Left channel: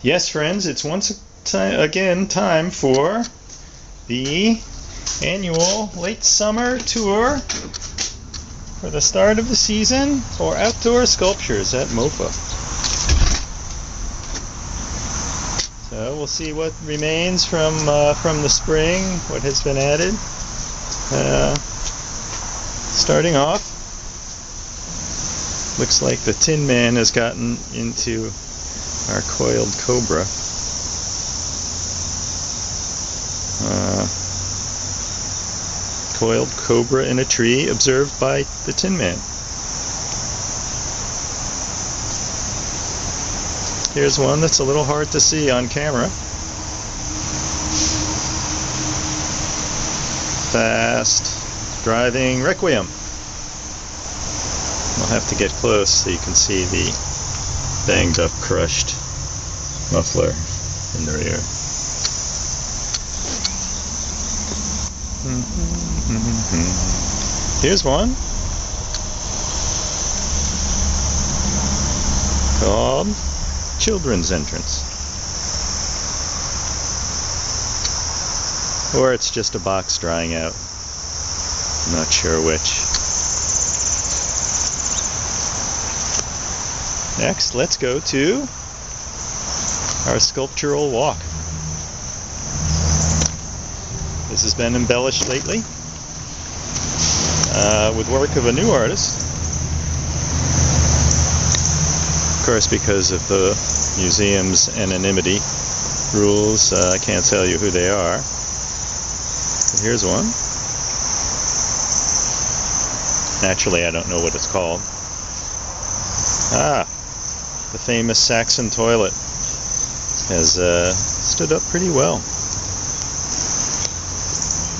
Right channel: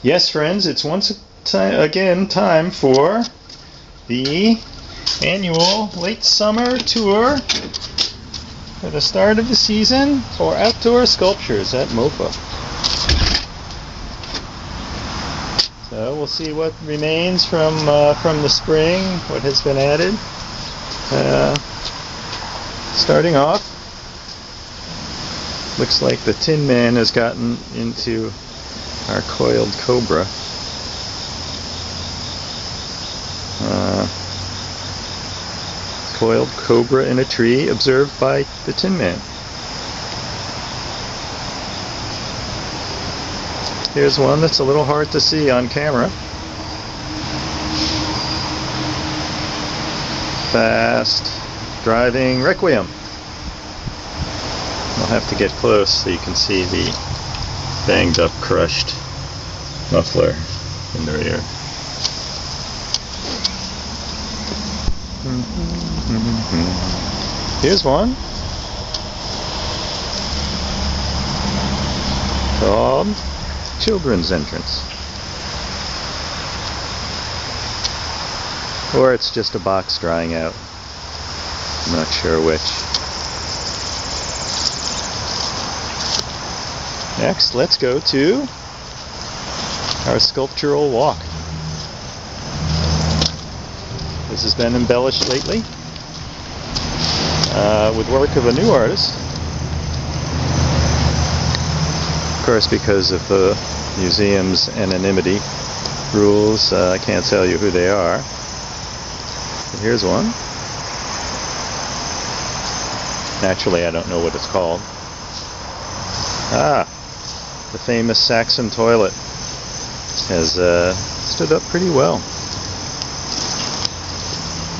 Yes, friends, it's again time for the annual late summer tour for the start of the season for outdoor sculptures at Mofa. So we'll see what remains from the spring, what has been added. Starting off, looks like the Tin Man has gotten into our coiled cobra. Coiled cobra in a tree observed by the Tin Man. Here's one that's a little hard to see on camera. Fast driving requiem. I'll have to get close so you can see the banged up, crushed muffler in the rear. Here's one called Children's Entrance. Or it's just a box drying out. I'm not sure which. Next, let's go to our sculptural walk. This has been embellished lately with work of a new artist. Of course, because of the museum's anonymity rules, I can't tell you who they are. But here's one. Naturally, I don't know what it's called. The famous Saxon toilet has stood up pretty well.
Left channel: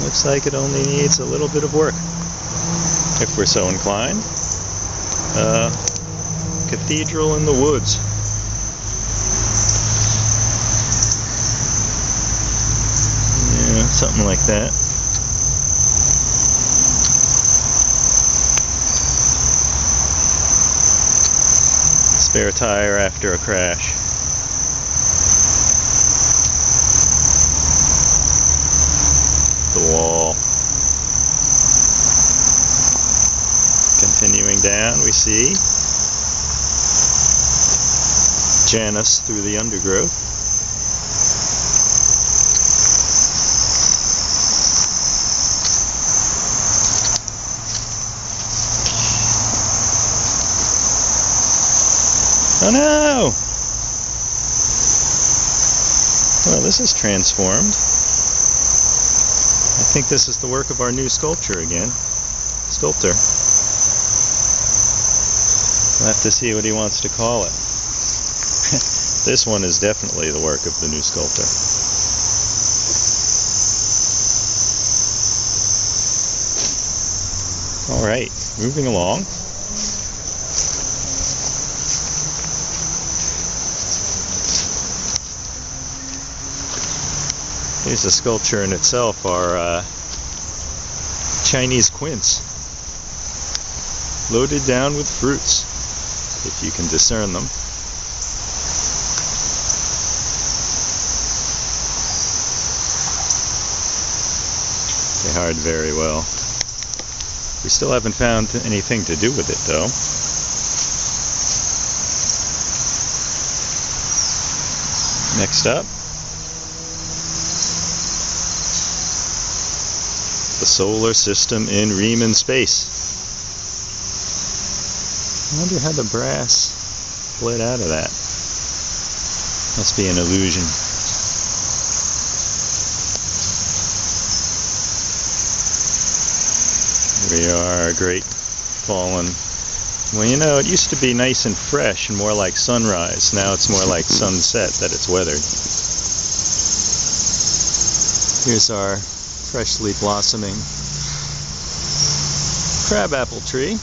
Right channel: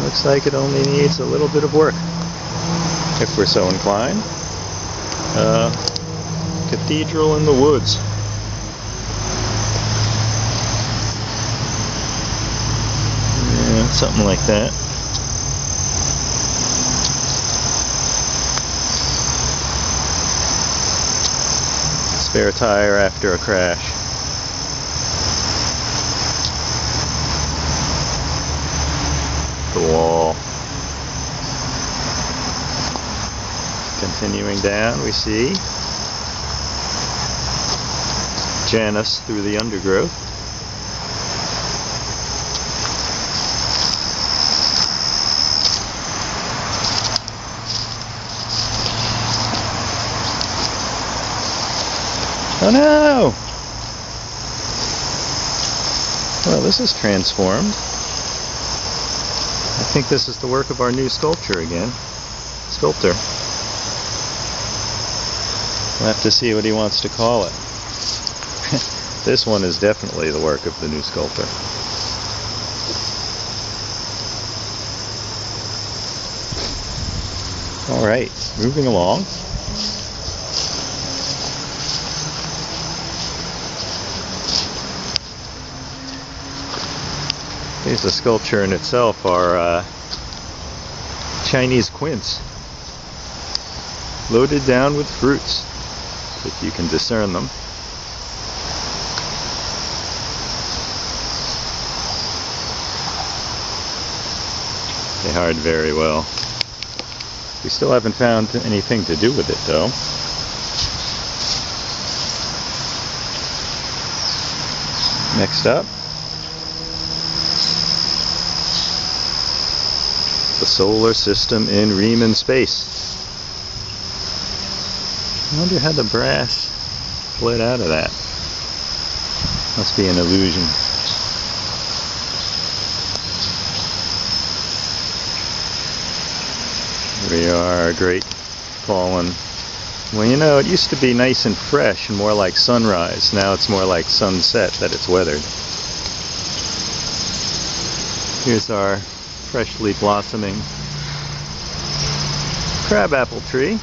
Looks like it only needs a little bit of work, if we're so inclined. Cathedral in the woods. Yeah, something like that. Spare tire after a crash. The wall. Continuing down, we see Janus through the undergrowth. Oh no! Well, this is transformed. I think this is the work of our new sculptor again. Sculptor. We'll have to see what he wants to call it. This one is definitely the work of the new sculptor. Alright, moving along. Here's a sculpture in itself, our Chinese quince, loaded down with fruits, if you can discern them. They hard very well. We still haven't found anything to do with it, though. Next up, the solar system in Riemann space. I wonder how the brass bled out of that. Must be an illusion. Here we are, a great fallen. Well, you know, it used to be nice and fresh and more like sunrise. Now it's more like sunset that it's weathered. Here's our freshly blossoming crabapple tree.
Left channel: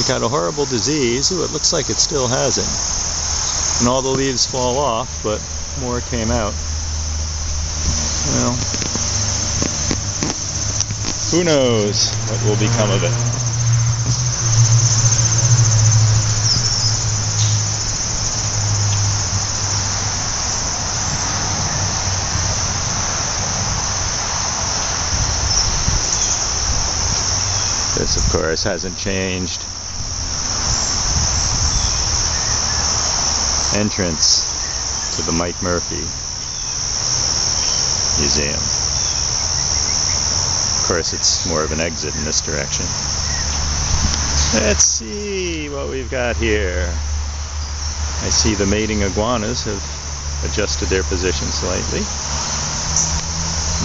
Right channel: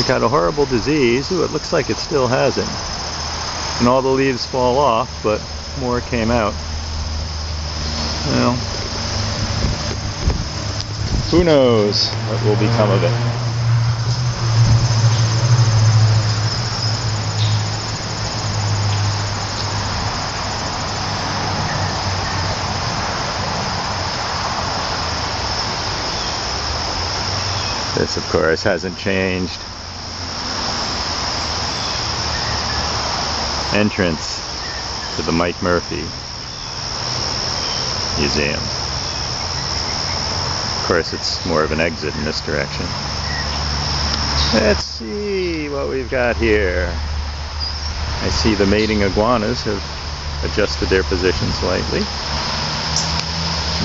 It got a horrible disease. Ooh, it looks like it still has it. And all the leaves fall off, but more came out. Well, who knows what will become of it. This, of course, hasn't changed. Entrance to the Mike Murphy Museum. Of course, it's more of an exit in this direction. Let's see what we've got here. I see the mating iguanas have adjusted their position slightly.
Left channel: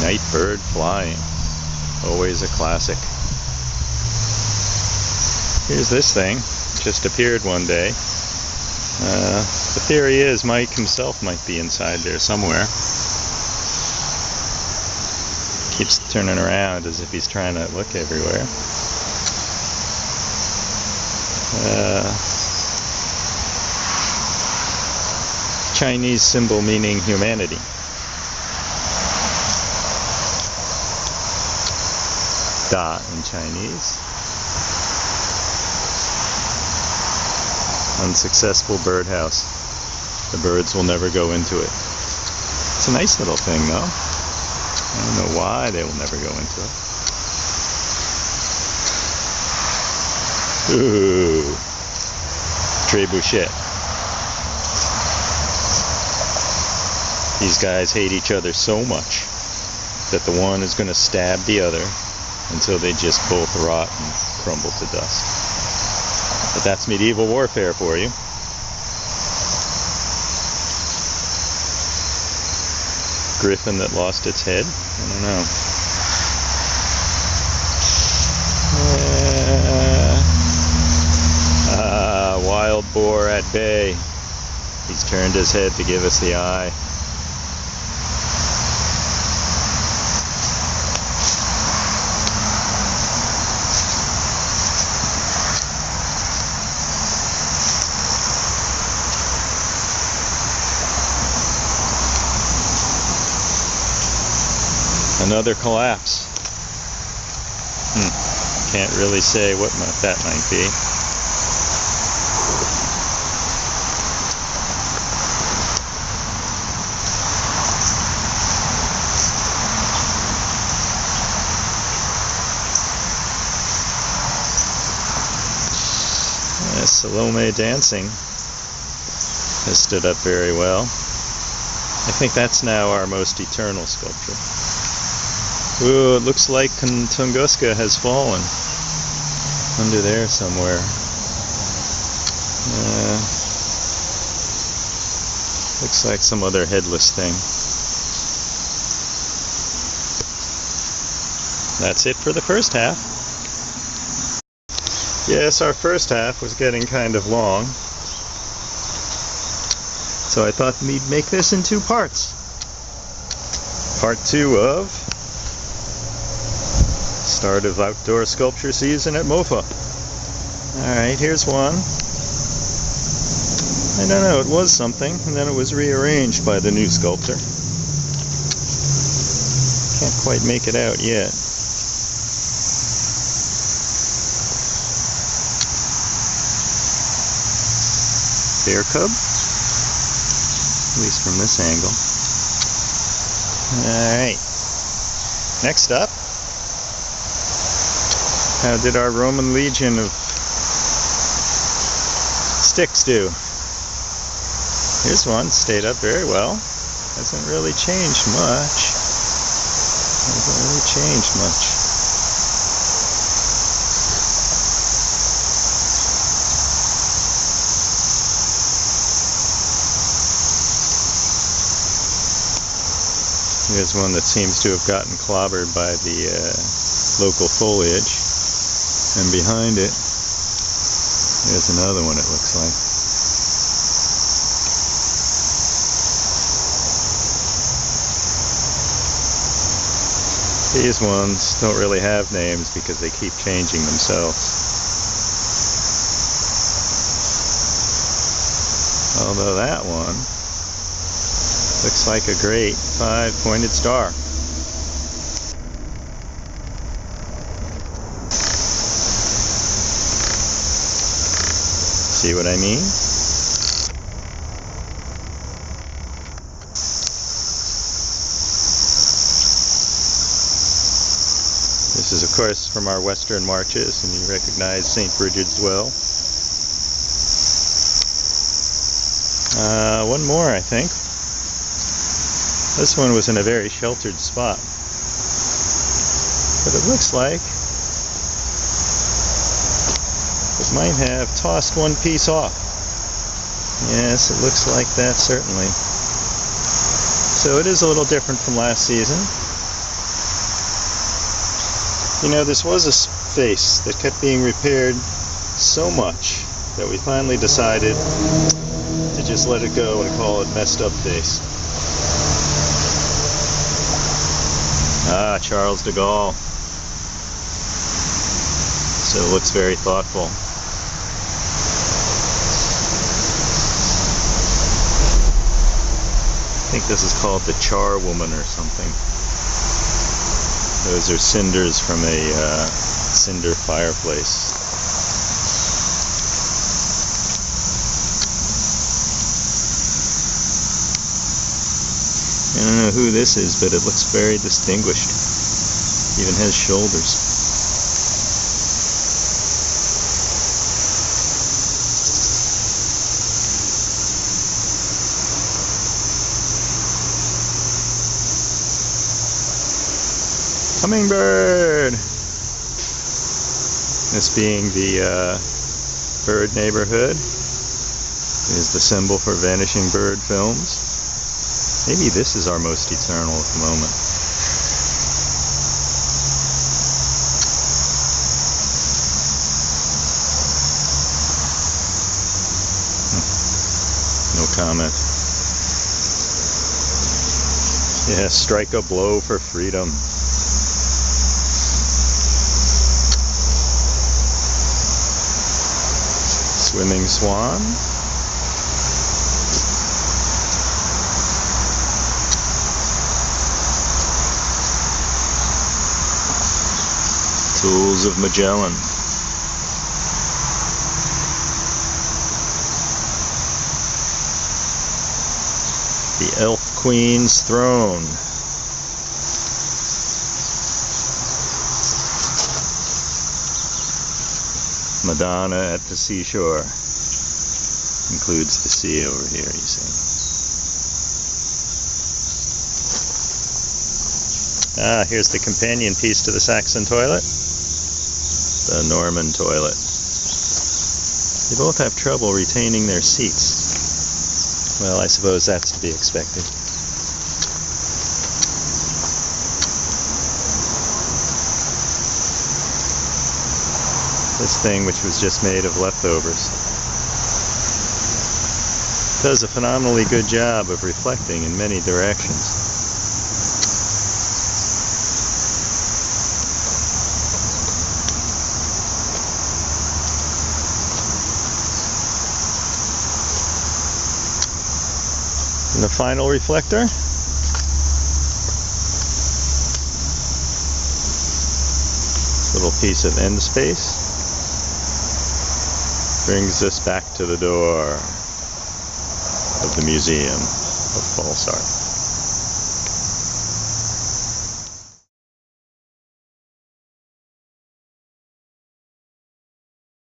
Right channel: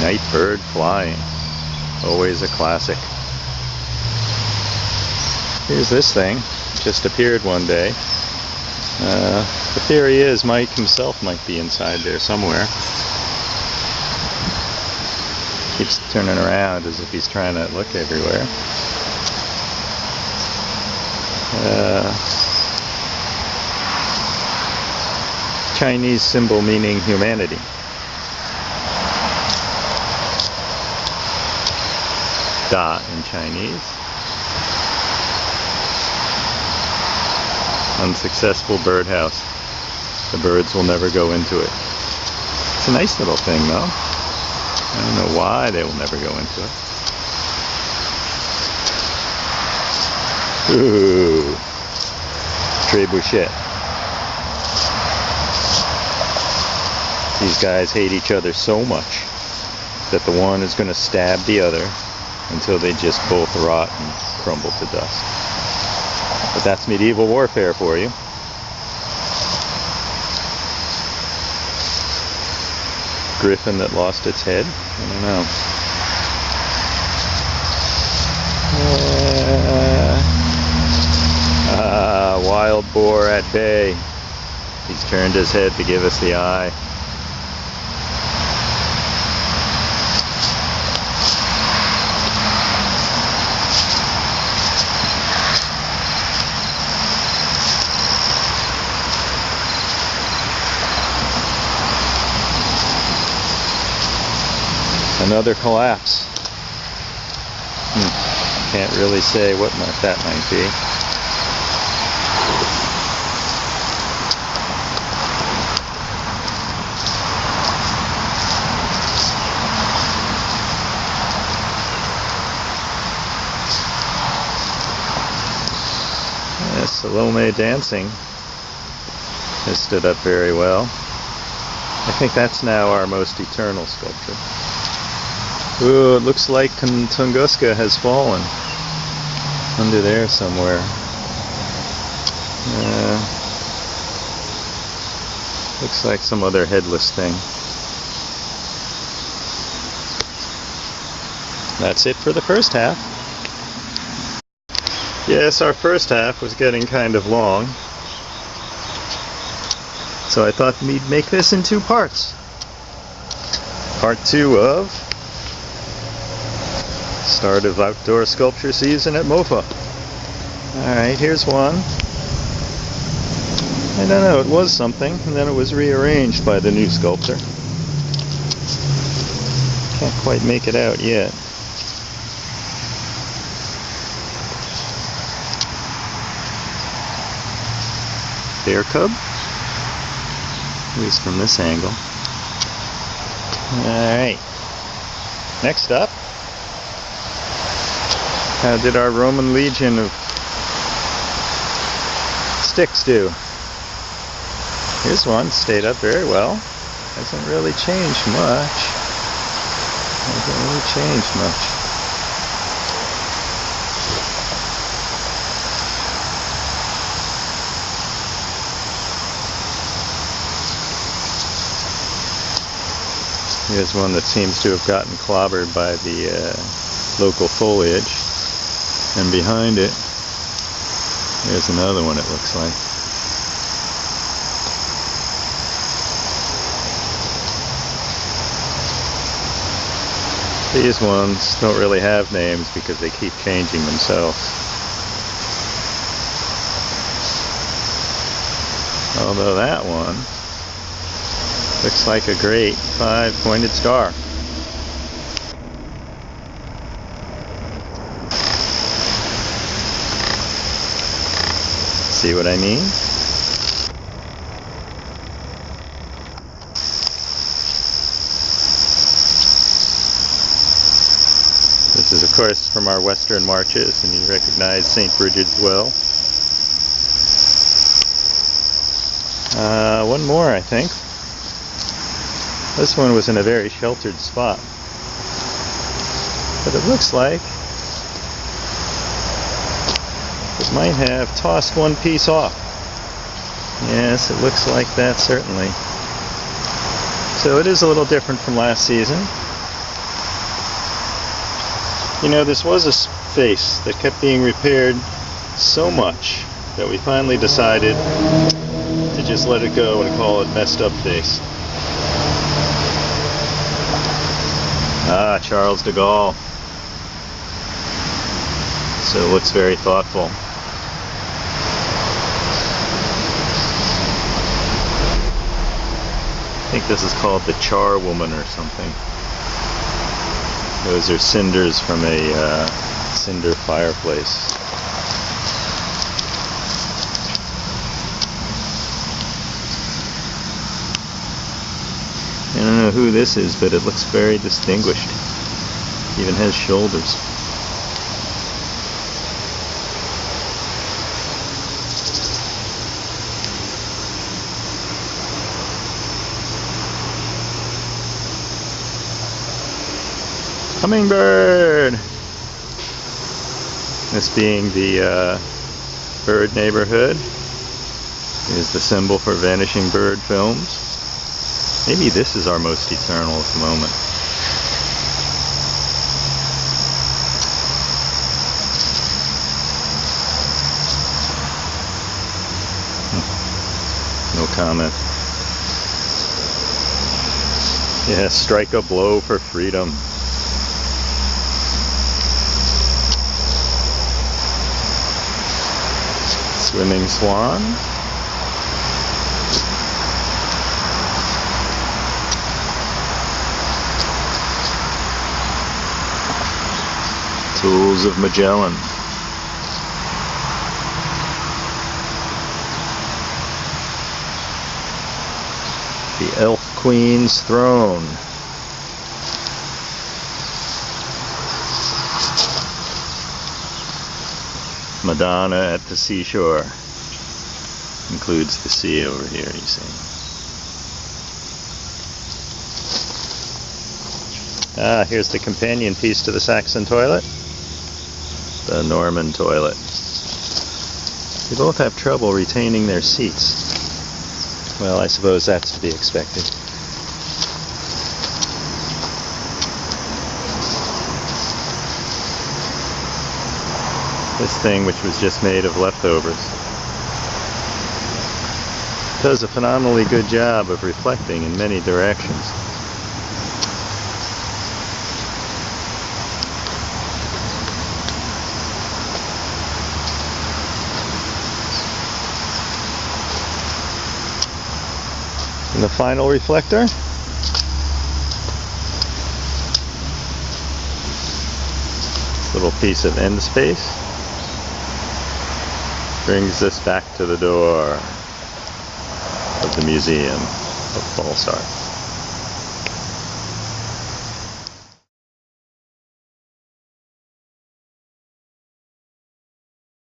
Night bird flying. Always a classic. Here's this thing. Just appeared one day. The theory is Mike himself might be inside there somewhere. Keeps turning around as if he's trying to look everywhere. Chinese symbol meaning humanity. Da in Chinese. Unsuccessful birdhouse. The birds will never go into it. It's a nice little thing though. I don't know why they will never go into it. Ooh. Trebuchet. These guys hate each other so much that the one is going to stab the other until they just both rot and crumble to dust. But that's medieval warfare for you. Griffin that lost its head? I don't know. Wild boar at bay. He's turned his head to give us the eye. Another collapse. Can't really say what that might be. Salome dancing has stood up very well. I think that's now our most eternal sculpture. Ooh, it looks like Tunguska has fallen. Under there somewhere. Looks like some other headless thing. That's it for the first half. Yes, our first half was getting kind of long. So I thought we'd make this in two parts. Part 2 of start of outdoor sculpture season at Mofa. Alright, here's one. I don't know, it was something, and then it was rearranged by the new sculptor. Can't quite make it out yet. Bear cub? At least from this angle. Alright. Next up, how did our Roman legion of sticks do? Here's one, stayed up very well. Hasn't really changed much. Here's one that seems to have gotten clobbered by the local foliage. And behind it, there's another one, it looks like. These ones don't really have names because they keep changing themselves. Although that one looks like a great 5-pointed star. See what I mean? This This is, of course, from our Western marches, and you recognize St. Bridget's well. One more, I think. This one was in a very sheltered spot. But it looks like it might have tossed one piece off. Yes, it looks like that, certainly. So it is a little different from last season. You know, this was a face that kept being repaired so much that we finally decided to just let it go and call it messed up face. Ah, Charles de Gaulle. So it looks very thoughtful. I think this is called the Char Woman or something. Those are cinders from a cinder fireplace. I don't know who this is, but it looks very distinguished. Even has shoulders. Hummingbird! This being the bird neighborhood is the symbol for vanishing bird films. Maybe this is our most eternal at the moment. No comment. Yeah, strike a blow for freedom. Swimming swan. Tools of Magellan. The Elf Queen's throne. Madonna at the seashore. Includes the sea over here, you see. Ah, here's the companion piece to the Saxon toilet. The Norman toilet. They both have trouble retaining their seats. Well, I suppose that's to be expected. This thing, which was just made of leftovers, does a phenomenally good job of reflecting in many directions. And the final reflector, little piece of end space, brings us back to the door of the Museum of False Art.